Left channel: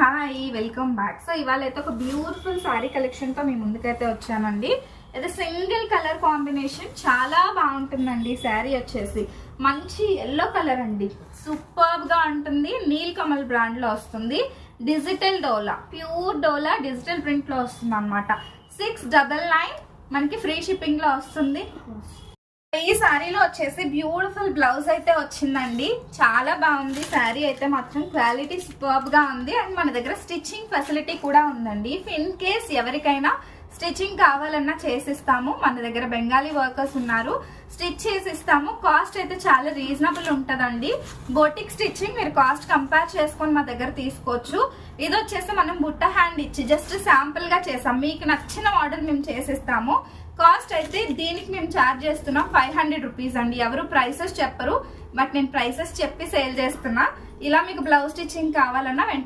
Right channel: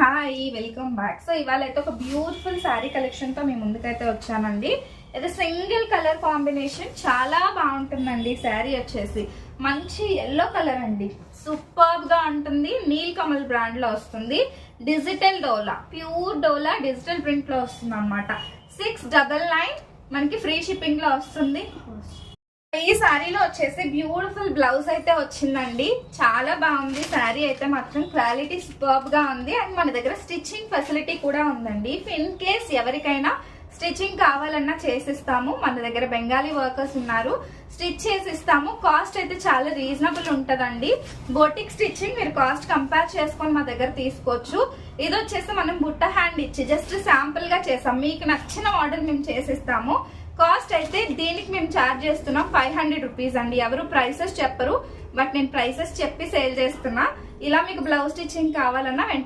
Hi welcome back. So ఇవాళ అయితే ఒక బ్యూటిఫుల్ శారీ కలెక్షన్ తో మీ ముందుకైతే వచ్చానండి. ఇది సింగిల్ కలర్ కాంబినేషన్ చాలా బాగుంటుందండి. శారీ వచ్చేసి మంచి ఎల్లో కలర్ అండి, సూపర్ గా ఉంటుంది. నీల్ కమల్ బ్రాండ్ లో వస్తుంది. డిజిటల్ డోలా, ప్యూర్ డోలా డిజిటల్ ప్రింట్ లో వస్తుంది అనమాట. 699 మనకి ఫ్రీ షిప్పింగ్ లో వస్తుంది. ఈ శారీలో వచ్చేసి బ్యూటిఫుల్ బ్లౌజ్ అయితే వచ్చిందండి. చాలా బాగుంది శారీ అయితే మాత్రం, క్వాలిటీ సూపర్బ్ గా ఉంది. అండ్ మన దగ్గర స్టిచ్చింగ్ ఫెసిలిటీ కూడా ఉందండి. ఇన్ కేస్ ఎవరికైనా స్టిచ్చింగ్ కావాలన్నా చేసిస్తాము. మన దగ్గర బెంగాలీ వర్కర్స్ ఉన్నారు, స్టిచ్ చేసి ఇస్తాము. కాస్ట్ అయితే చాలా రీజనబుల్ ఉంటదండి. బోటిక్ స్టిచ్చింగ్ మీరు కాస్ట్ కంపేర్ చేసుకొని మా దగ్గర తీసుకోవచ్చు. ఇది వచ్చేసి మనం బుట్ట హ్యాండ్ ఇచ్చి జస్ట్ శాంపుల్ గా చేసాం. మీకు నచ్చిన ఆర్డర్ మేము చేసిస్తాము. కాస్ట్ అయితే దీనికి మేము ఛార్జ్ చేస్తున్నాం 500 రూపీస్ అండి. ఎవరు ప్రైసెస్ చెప్పరు, బట్ నేను ప్రైసెస్ చెప్పి సేల్ చేస్తున్నా. ఇలా మీకు బ్లౌజ్ స్టిచ్చింగ్ కావాలన్నా